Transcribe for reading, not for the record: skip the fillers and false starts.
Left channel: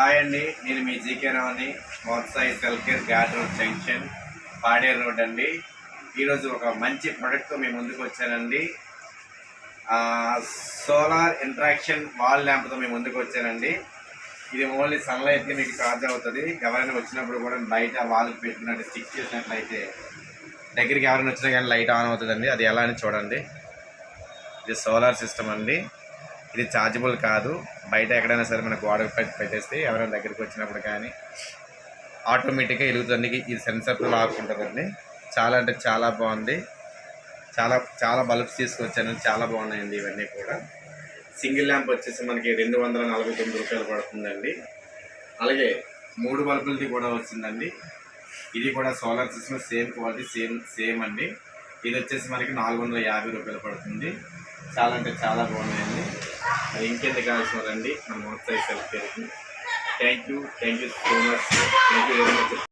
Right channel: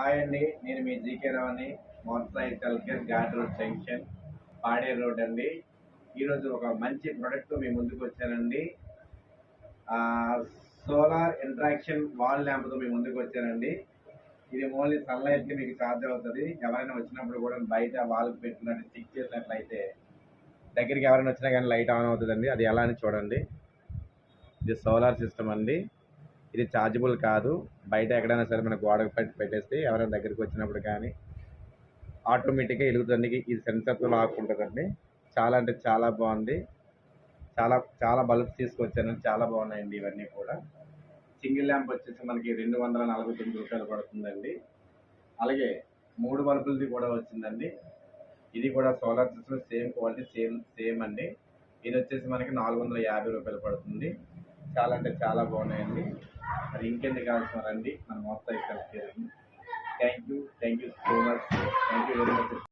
Hi అండి, నేను మీ జీకే రావుని. Motsai cell care ghat road junction, Paderu road అండి. ఈరోజు ఒక మంచి ప్రోడక్ట్తో మీ ముందుకు వచ్చానండి. సోలార్ ఇంట్రాక్షన్ వాల్ ల్యాంప్తో మీ ముందుకు వచ్చానండి. ఇది ఓన్లీ సన్లైట్కి మీకు ఛార్జ్ అవుతుంది. ఎవరైనా వచ్చినప్పుడు కూడా బయట వాల్కి పెట్టినట్టు స్టిక్ చేసినట్లయితే దగ్గరికి ఎవరైనా వచ్చినా కానీ లైట్ ఆన్ అవుతుందండి. అది ఎలా అని చూడండి. ఇది సోలార్ సిస్టమ్ అండి. ఇది ఛార్జబుల్ కాదు. బయట ఎక్కడైనా సరే మన గోడకు పెట్టేస్తే ఎవరైనా దగ్గరికి వచ్చినప్పుడు కానీ ఆటోమేటిక్గా వెలుగుతుంది. ఇది సెన్సర్తో లాక్ ఉంటుందండి. చాలా అంటే చాలా బాగుంది. చాలా చాలా బల్బ్స్ తీసుకొచ్చాను, చాలా బాగున్నాయండి ఇవన్నీ కూడా. సింగిల్ ల్యాంప్ వచ్చేసి మనకి 249 రూపాయలు పడుతుందండి. అలాగే 3 బల్బులది కూడా వచ్చిందండి. ఇది కూడా solar system, same quality, same అండి. ఇది వచ్చేసి మనకి 450 రూపాయలు పడుతుంది. చాలా అంటే చాలా బాగున్నాయండి. మరి ఇంకెందుకు కావాల్సిన రండి మన మోత్సాయి సెల్కేర్కి. Thank you so much. Thank you very much.